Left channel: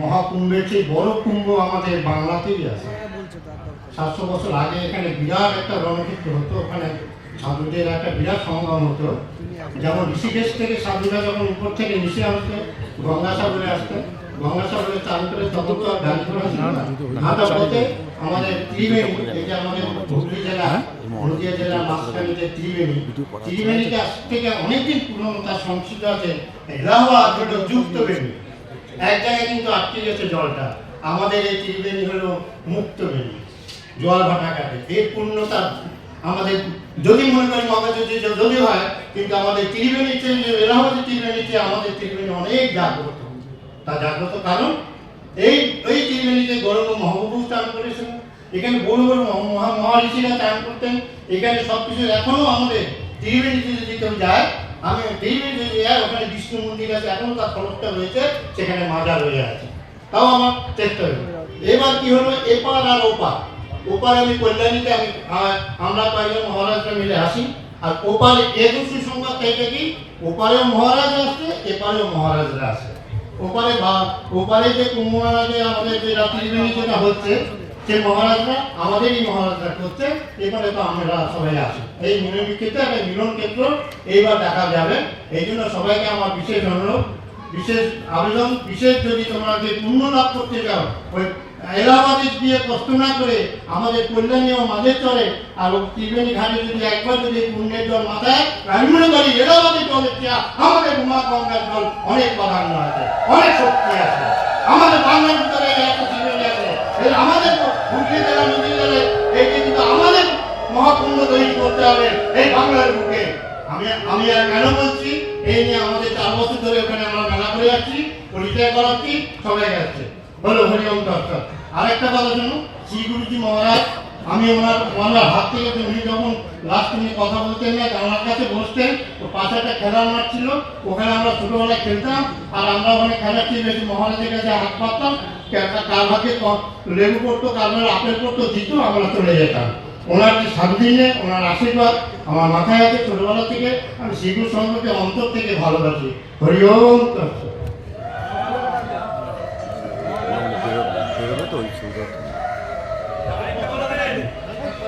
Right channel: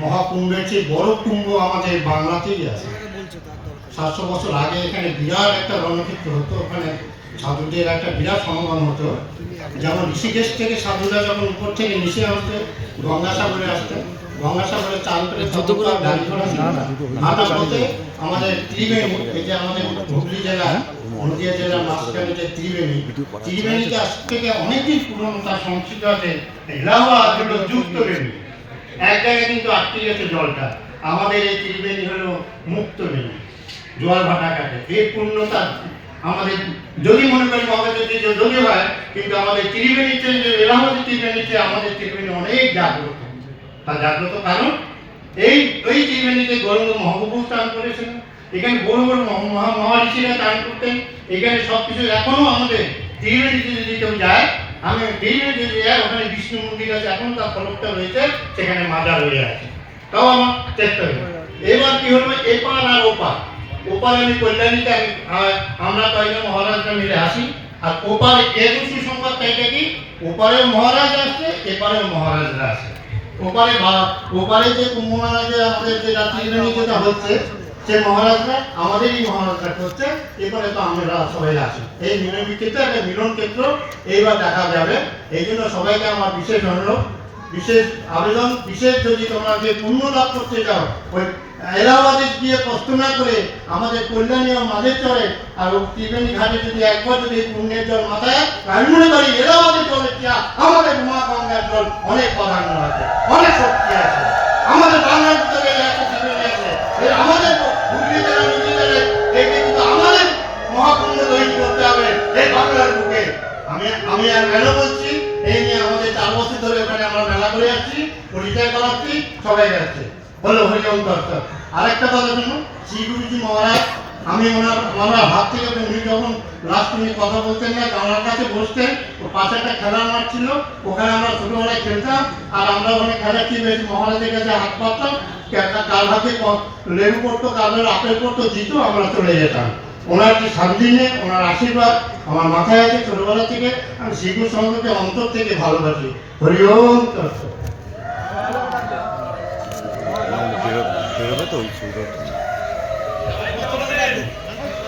মহাকুম্ভের চেয়ে বড় কুম্ভ আমাদের বাংলাতেই আছে। 700 বছর আগে এখানে বিরাট একটা রণক্ষেত্র হতো, ওখানে সাধুদের একটা বিরাট সমাগম হতো। যেমন ঋষিকেশ থেকে সাধুরা যখন উপর থেকে নিচে আসতো গঙ্গাসাগরে আসতো, গঙ্গাসাগরে চান করে ততক্ষণ গাড়ি ঘোড়া ছিল না। হাঁটা পথে আমাদের ত্রিবেণী, এই যে আমাদের হুগলি জেলা নদীয়া জেলার মাঝখানে যে ত্রিবেণী, ত্রিবেণীতে আজ থেকে অনেকদিন পুরনো তার সংস্কৃত আছে এলাহাবাদ হলো যুক্ত বেণী। এক জায়গায় কিন্তু আটকে গেছে জলটা। আমাদের এই ত্রিবেণী হলো মুক্ত বেণী, জল ভাটা কাটে। এর পূর্ণতা আমাদের যদি মনে করি যদি হয়, কিন্তু আমাদের ত্রিবেণীতে এলাহাবাদের ত্রিবেণীতে আমাদের ত্রিবেণী অনেক জাগ্রত। তার জাগ্রত কারণ এই ত্রিবেণীতে গৌরাঙ্গ মহাপ্রভু স্নান করেছিলেন, এখানে বড় বড় মহাঋষিরা স্নান করতেন। এখানে সব কিছু এখনো আমাদের ত্রিবেণীতে যদি কেউ যায়, আমি ত্রিবেণী যদি যাই, ওখানে বিষ্ণু মন্দির আছে, এখনো তার ফলকটা রয়েছে, সেখানে মাজার রয়ে আছে। তাও আমার চেষ্টা হলো। এবার কি হলো, এপার আর ওপার। ওপার আমি কল্যাণীতে আমরা কয়েকজন মহারাজরা মিলে আসি, আর ওপারে এর সুসংবাদ থেকে কি ওপারেও মহারাজ আসছে, এপারেও মহারাজরা আসে। ওপারে যে কুম্ভ মেলাতে আমাদের যে রাত্রি যেটা হচ্ছে, সে মহারাজরা আমাদেরই মহারাজরা করছে, এবারে তো আমরা সবাই আসি। এই মিলনক্ষেত্রে একটা মিলন ক্ষেত্র এইবার দেখা যাবে। এই জন্য সবাইকে আমার বিশেষ অনুরোধ, বিশেষ আবেদন, বিশেষ যদি তোমরা যে পুণ্য লাভ করতে যাও, ওই এলাহাবাদে গিয়ে কষ্ট না করে আমাদের কল্যাণী ও মাঝের চরে আর ত্রিবেণী ঘাটে যদি একবার যদি পুণ্যের জল মাথায়, আমি মনে করি এলাহাবাদের জলের চেয়ে আমাদের মা গঙ্গার জল অনেক প্রাধান্য আছে, অনেক শক্তি আছে। আমাদের বাংলার ভিতরে একটা ত্রিবেণী আছে, আমাদের হুগলি জেলা নদী জেলে এই কিন্তু আমাদের মহাকুম্ভ তৈরি করতে হবে এই বাংলার বুকে। আমি আর কেন বলছি, এই নিয়ে আমাদের 4 বছর ধরে ওখানে আমরা মেলা করে যাচ্ছি, পরিচয় করাচ্ছি, সবাই যাচ্ছে বলো হরিওম দর্শক। আরেকটা কথা শুনুন, শ্রী গুরুজি মহারাজ, আমি ওনার হাত থেকে উনি যখন লাস্ট উনি কথা বলতেন না, আমার কাছে বসতেন, ওর পাশে একটা খেলার মাঠ ছিল, ওখানে আমরা ছোটবেলায় খেলতাম। আর আমরা ওখানে খেলাচ্ছি, বেশি মহারাজের কাছে হাত পাততাম, কার হাতে লেবু পড়তো, কার আপেল পড়তো, দিত, আমরা চলে যেতাম। ওনার যে সামদিনে ওনার আশীর্বাদ আমার মাথায় আছে ছোটবেলা থেকে। আমি শ্রী গুরু সম্পর্কে অন্তর থেকে ভালোবাসি। হরিওম দর্শক।